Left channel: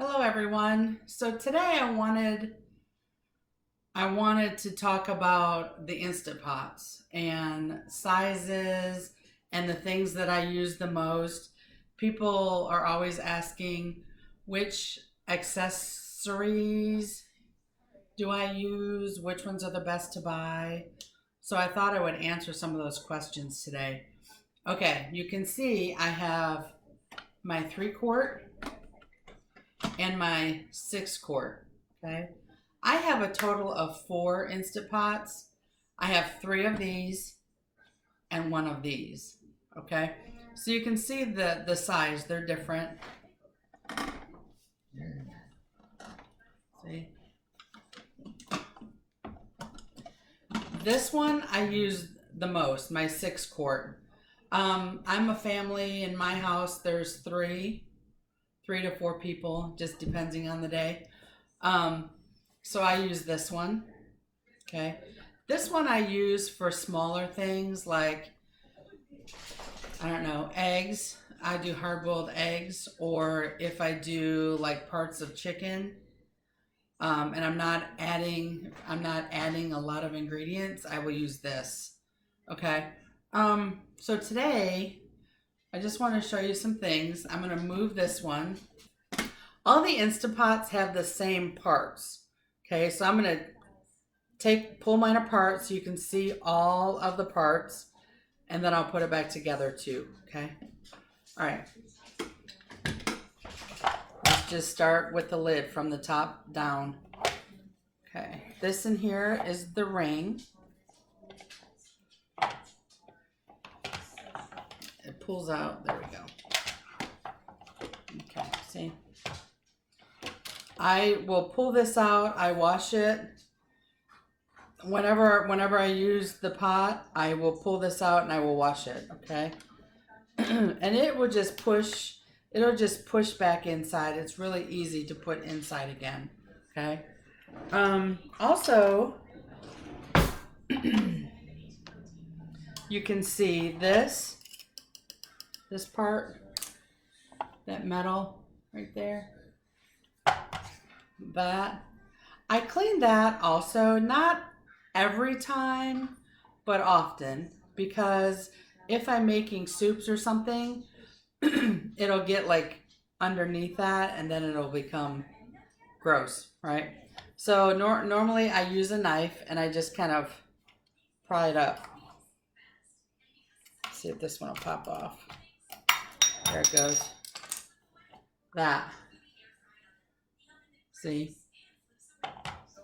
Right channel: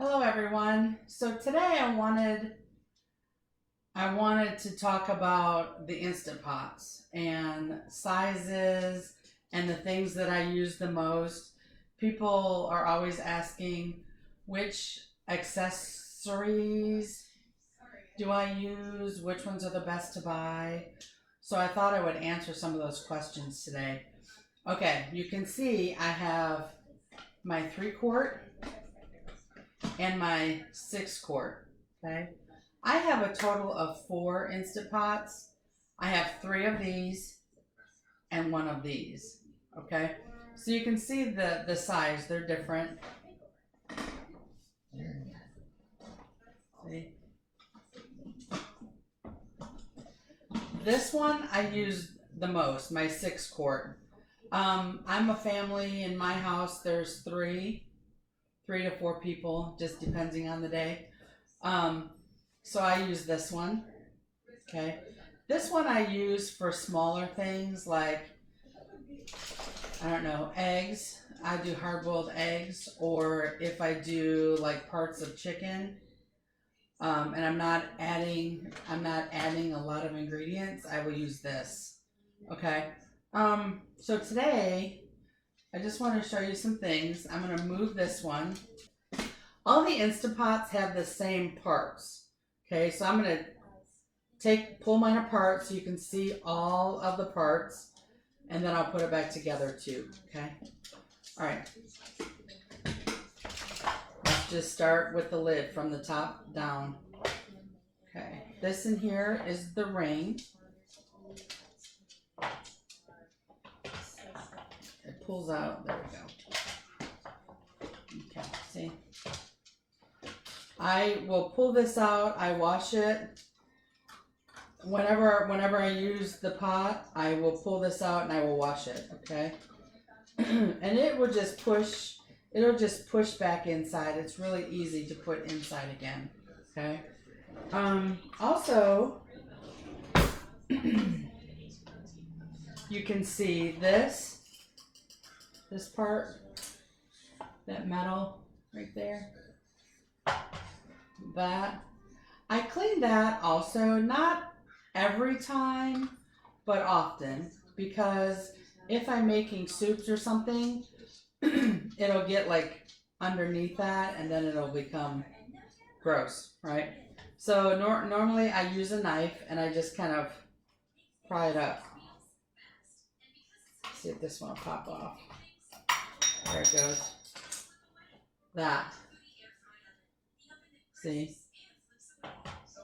Hello everyone. So today I wanted to talk about the Instant Pots and sizes and the things that I use the most. People are always asking which accessories do I use, which ones are the best to buy. So I thought I would answer some of those questions today. Okay, you can see I have my 3 quart and my 6 quart. Okay. I have a total of 4 Instant Pots. I have 3 of these and 1 of these. Okay. So you can see the size, they're different. See? This one I use the most, my 6 quart. I'm a family in my house, there's 3 to 4 people, just depending on the day. So I use this one. Okay. This one I use for smaller things like, I don't know, eggs. I do hard boiled eggs, or if I do like parts of chicken, and I'm not adding a lot of ingredients, I will use this. Okay. So today I just want to show you some things. I'm gonna move this one. All the Instant Pots have the same parts. Okay, so I'm gonna pull mine apart so you can see all of the parts, and then I'll put it back together too. Okay. All right. Let's just start with the lid from the top down. Okay. This in here is the ring. It pulls out. There we go. Okay. See? I will pull this out. I wash it. Whenever I use the pot, I will pull this out and I will wash it. Okay. And it'll just push back inside. It's really easy to put inside again. Okay. Also, you can see this part, that metal right there. That I clean that also, not every time, but often, because if I'm making soups or something, it'll get like underneath that and then it'll become gross, right? So normally I use a knife and I just kind of pry it up. See if this one will pop off. There it goes. That. See?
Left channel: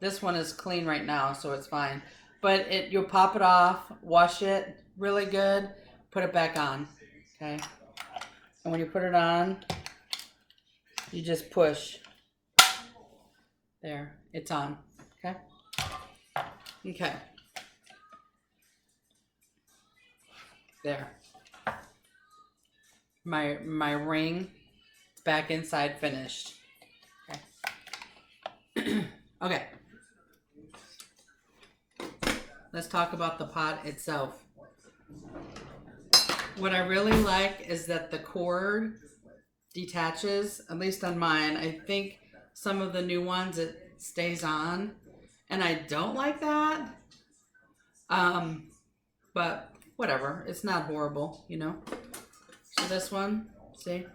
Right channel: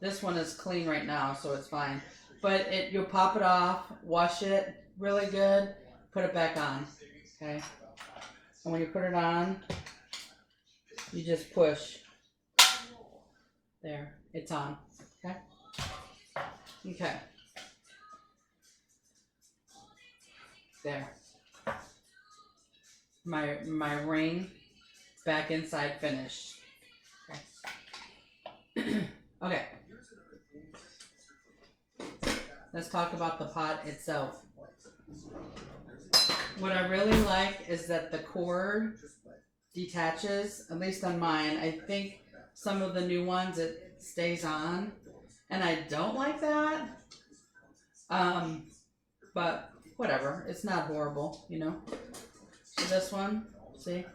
This one is clean right now, so it's fine. But you'll pop it off, wash it really good, put it back on. Okay? And when you put it on, you just push. There, it's on. Okay? Okay. There. My ring back inside finished. Okay. Okay. Let's talk about the pot itself. What I really like is that the cord detaches, at least on mine. I think some of the new ones it stays on, and I don't like that. But whatever, it's not horrible, you know. So this one, see,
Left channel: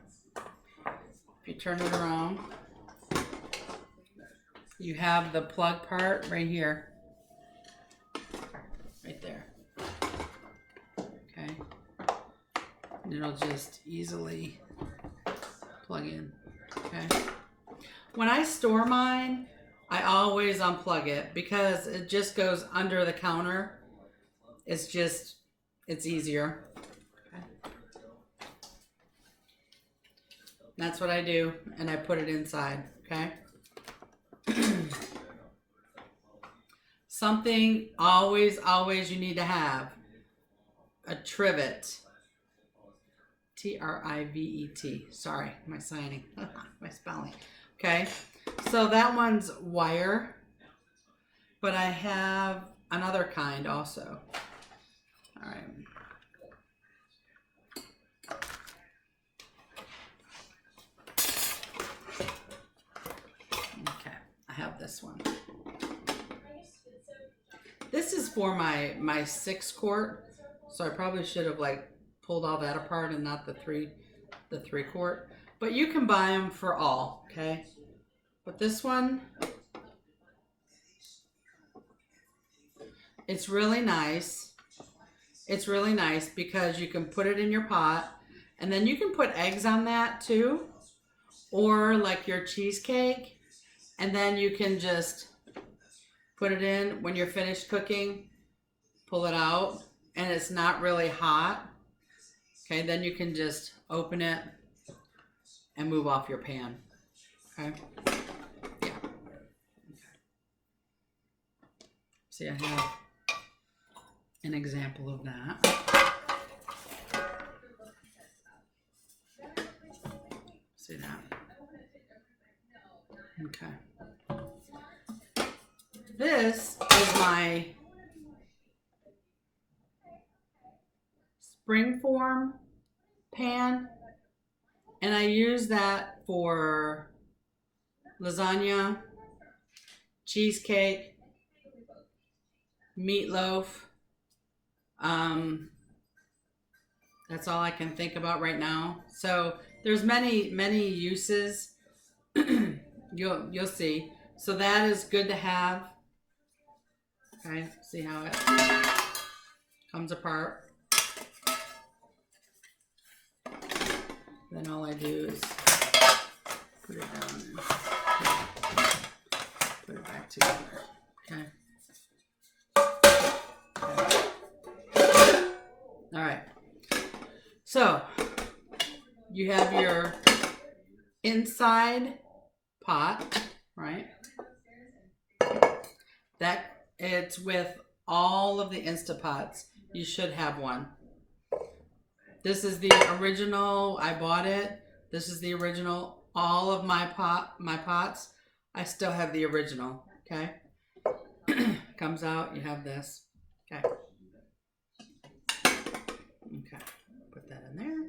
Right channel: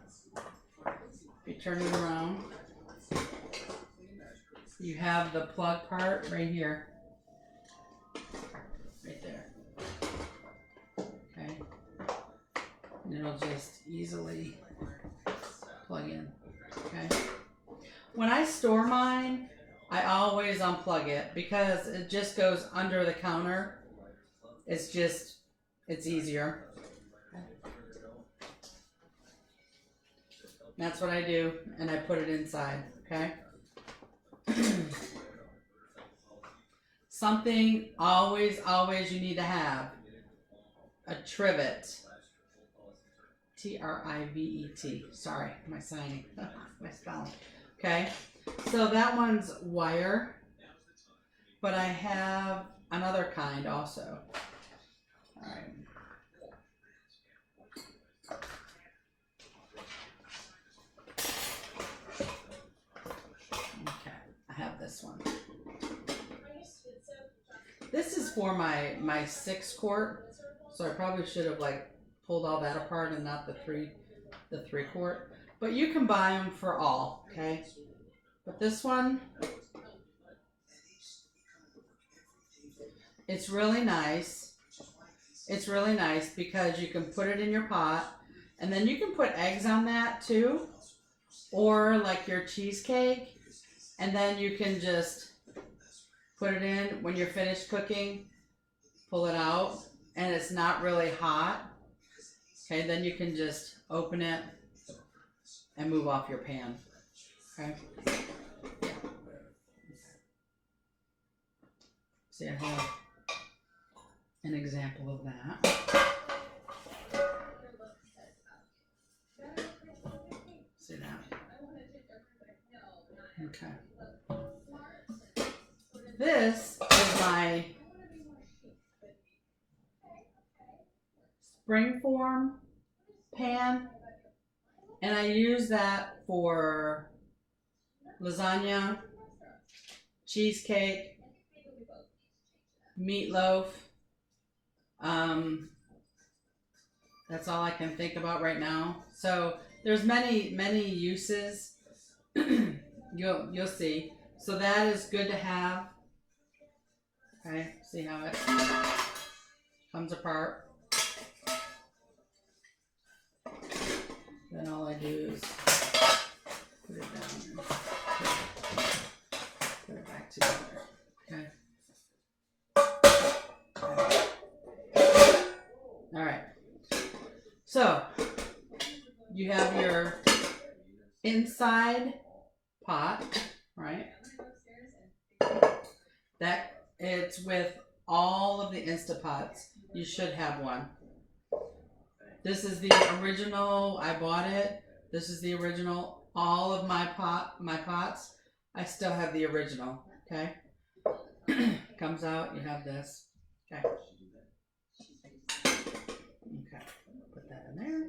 if you turn it around, you have the plug part right here, right there. Okay, and it'll just easily plug in. Okay. When I store mine, I always unplug it because it just goes under the counter. It's easier. Okay. That's what I do, and I put it inside. Okay. Something always you need to have: a trivet. Trivet. Sorry, my signing, my spelling. Okay, so that one's wire, but I have another kind also. All right. This is for my 6-quart, so I probably should have like pulled all that apart and not the 3-quart. But you can buy them for all, okay? But this one, it's really nice. It's really nice because you can put it in your pot, and then you can put eggs on that too, or like your cheesecake, and then you can just put it in when you're finished cooking, pull it out, and it's not really hot. Okay, then you can just open it and move off your pan. Okay. Yeah. See, I have an example of that. See that? Okay. This is my springform pan, and I use that for lasagna, cheesecake, meatloaf. That's all I can think about right now. So there's many uses. You'll see. So that is good to have. Okay, see how it comes apart. Then all I do is put it down and put it back together. Okay. All right. So you have your inside pot, right? That it's with all of the Instapots. You should have one. This is the original. I bought it. This is the original. All of my pots, I still have the original. Okay. Comes out. You have this. Okay. Okay. Put that in there.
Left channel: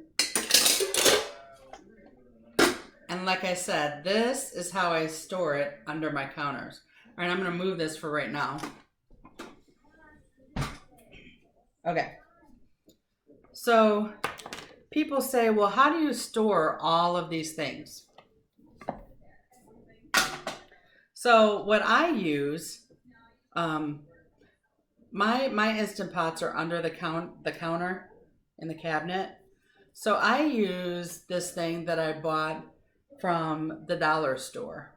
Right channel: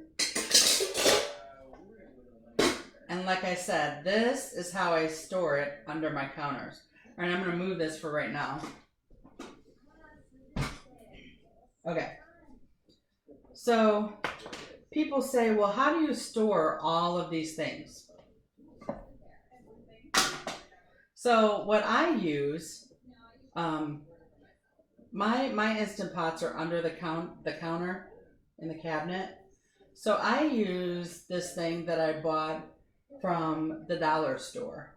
And like I said, this is how I store it under my counters. All right, I'm going to move this for right now. Okay. So people say, well, how do you store all of these things? So what I use, my Instant Pots are under the counter in the cabinet. So I use this thing that I bought from the dollar store.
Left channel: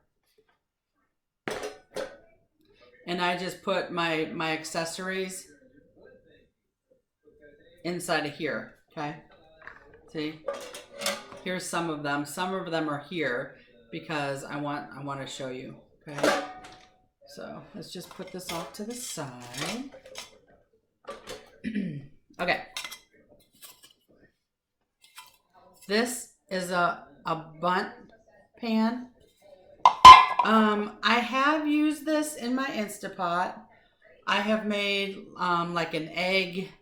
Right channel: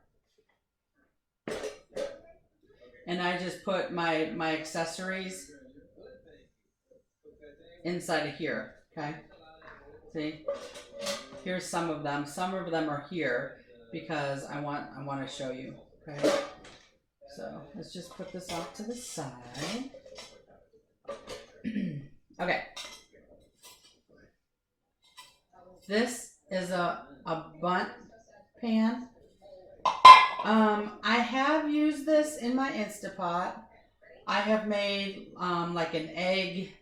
And I just put my accessories inside of here, okay? See? Here's some of them. Some of them are here because I want to show you, okay? So let's just put this off to the side. Okay. This is a bundt pan. I have used this in my Instapot. I have made like an egg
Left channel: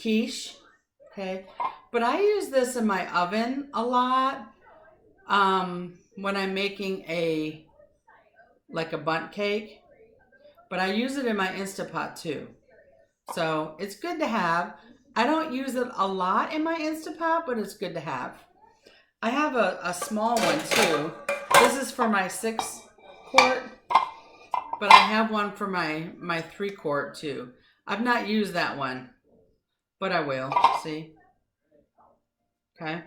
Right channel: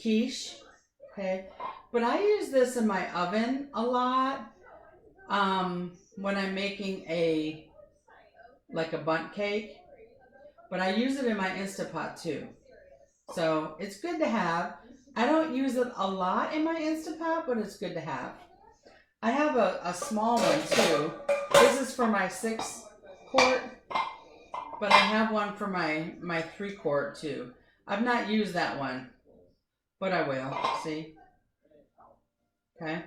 quiche, okay? But I use this in my oven a lot when I'm making a bundt cake. But I use it in my Instapot too. So it's good to have. I don't use it a lot in my Instapot, but it's good to have. I have a small one too. This is for my 6-quart, but I have one for my 3-quart too. I've not used that one, but I will. See? Okay.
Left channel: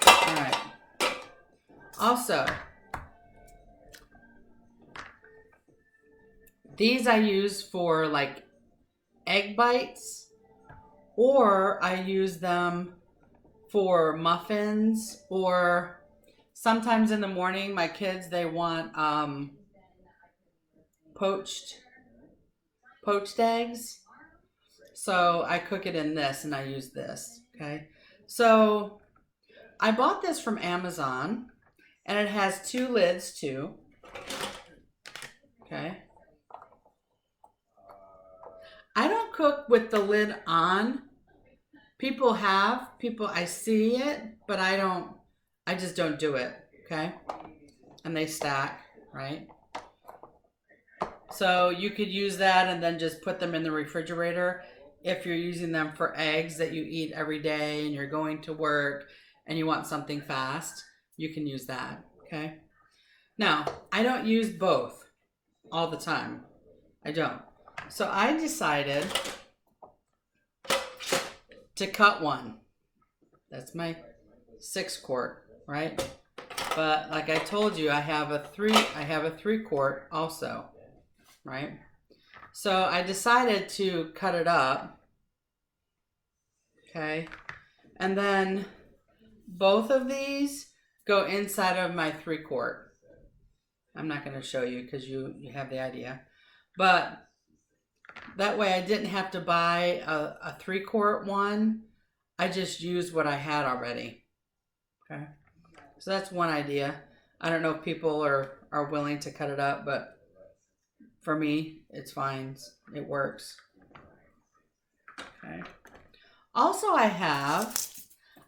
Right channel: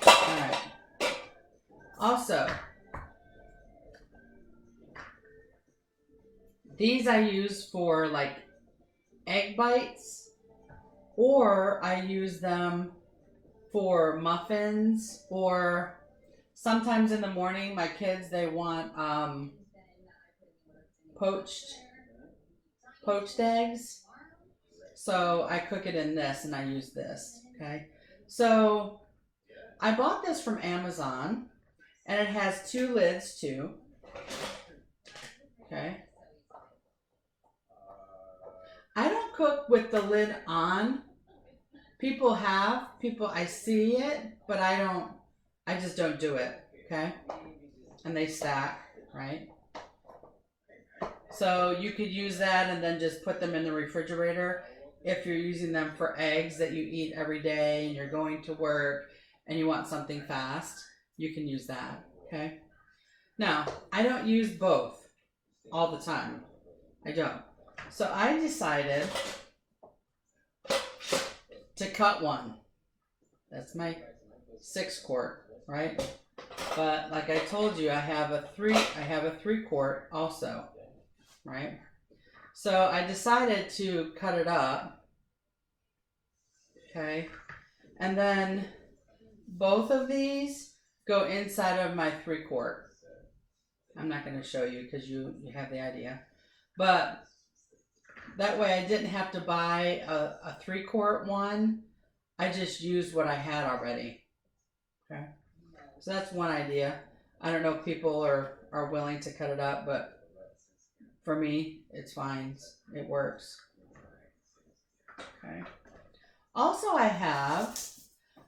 All right. Also, these I use for like egg bites, or I use them for muffins, or sometimes in the morning my kids, they want poached eggs. So I cook it in this and I use this, okay? So I bought this from Amazon and it has 2 lids too, okay? I don't cook with the lid on. People I see it, but I just don't do it. okay? And they stack, right? So you could use that and then just put them in the refrigerator if you're using them for eggs that you eat every day and you're going to work and you want something fast. You can use that, okay? Now, I don't use both all the time. I don't. So I decided to cut one. That's my 6-quart, right? But like I told you, I have a 3-quart also, right? So I decided to cut it up, okay? And then both of these go inside of my 3-quart. I'm not going to show you because you have the idea. But that way I didn't have to buy a 3-quart one. I just used what I had already. Okay. So that's one idea. I don't know if people are willing to cut it up, but for me, it's fine. It works. Okay. Also I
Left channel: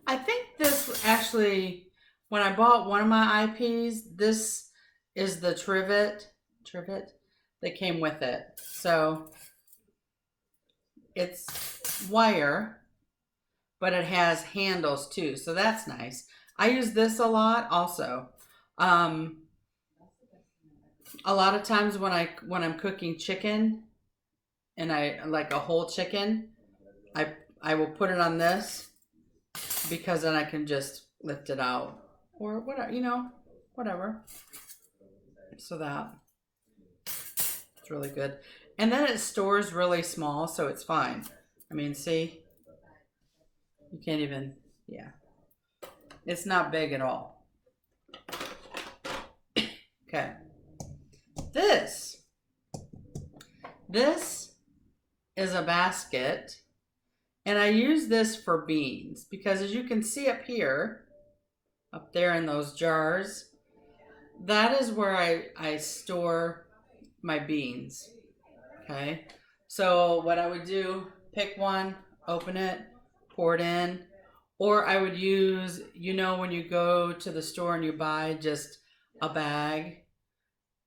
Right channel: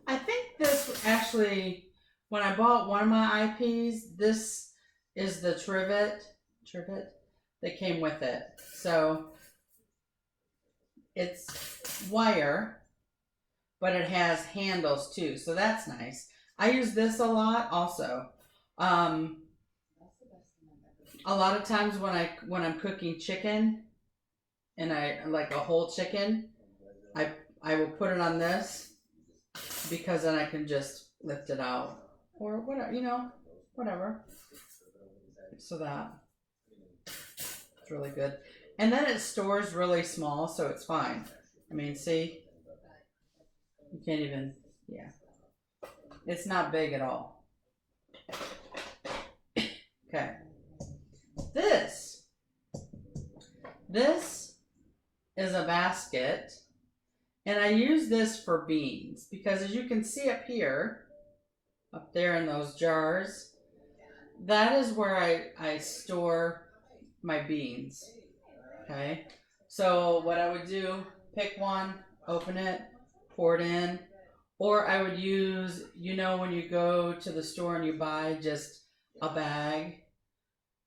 think this actually, when I bought one of my IPs, this is the trivet that came with it. So it's wire, but it has handles too. So that's nice. I use this a lot also. A lot of times when I'm cooking chicken and I like a whole chicken, I will put it on this because then I can just lift it out or whatever, whatever. So it's really good. And then it stores really small, so it's fine. I mean, see? You can't even, yeah. It's not big at all. Okay. This is a basket, and I use this for beans because as you can see up here, up there in those jars, that is where I store my beans, okay? So what I would do, pick one, open it, pour it in, or I would use, when you go to the store and you buy just a bag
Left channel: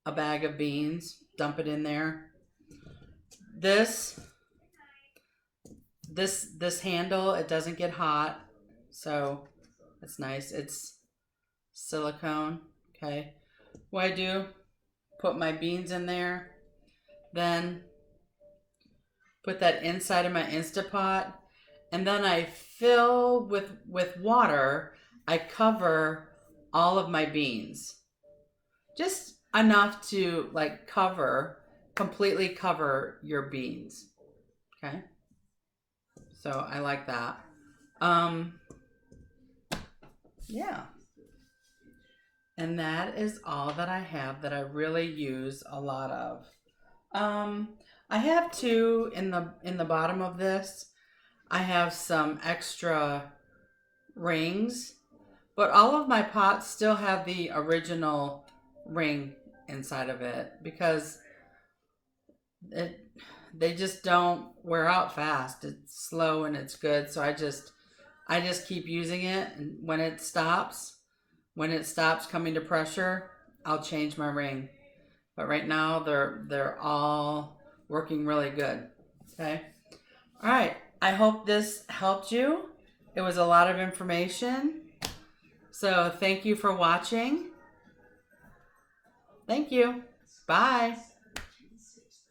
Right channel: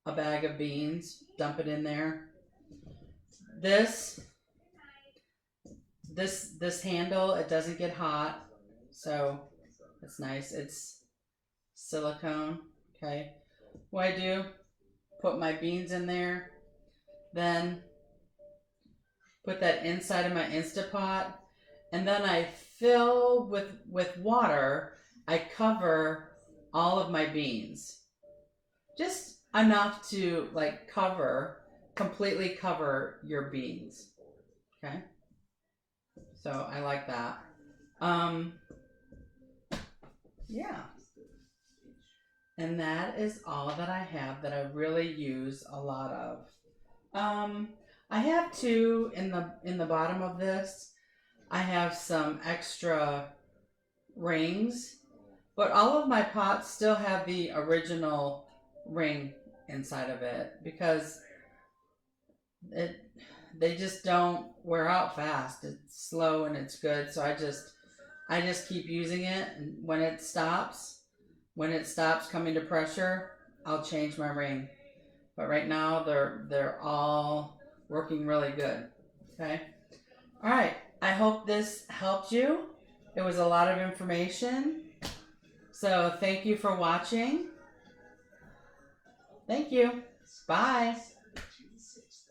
of beans, dump it in there. This handle, it doesn't get hot, so it's nice. It's silicone, okay? What I do, put my beans in there, then put that inside of my Instapot, and then I fill with water. I cover all of my beans. Just enough to completely cover your beans. Okay? So I like that. Yeah. And that is all that I have that I really use a lot of. I have two in the bottom of this. I have some extra rings, but all of my pots still have the original ring inside of it because they just don't wear out fast. It's slow and it's good, so I just keep using it, and when it stops coming to pressure, I'll change my ring. But right now they're all working really good. Okay? All right. I hope this helped you. It was a lot of information. So thank you for watching. Thank you. Bye.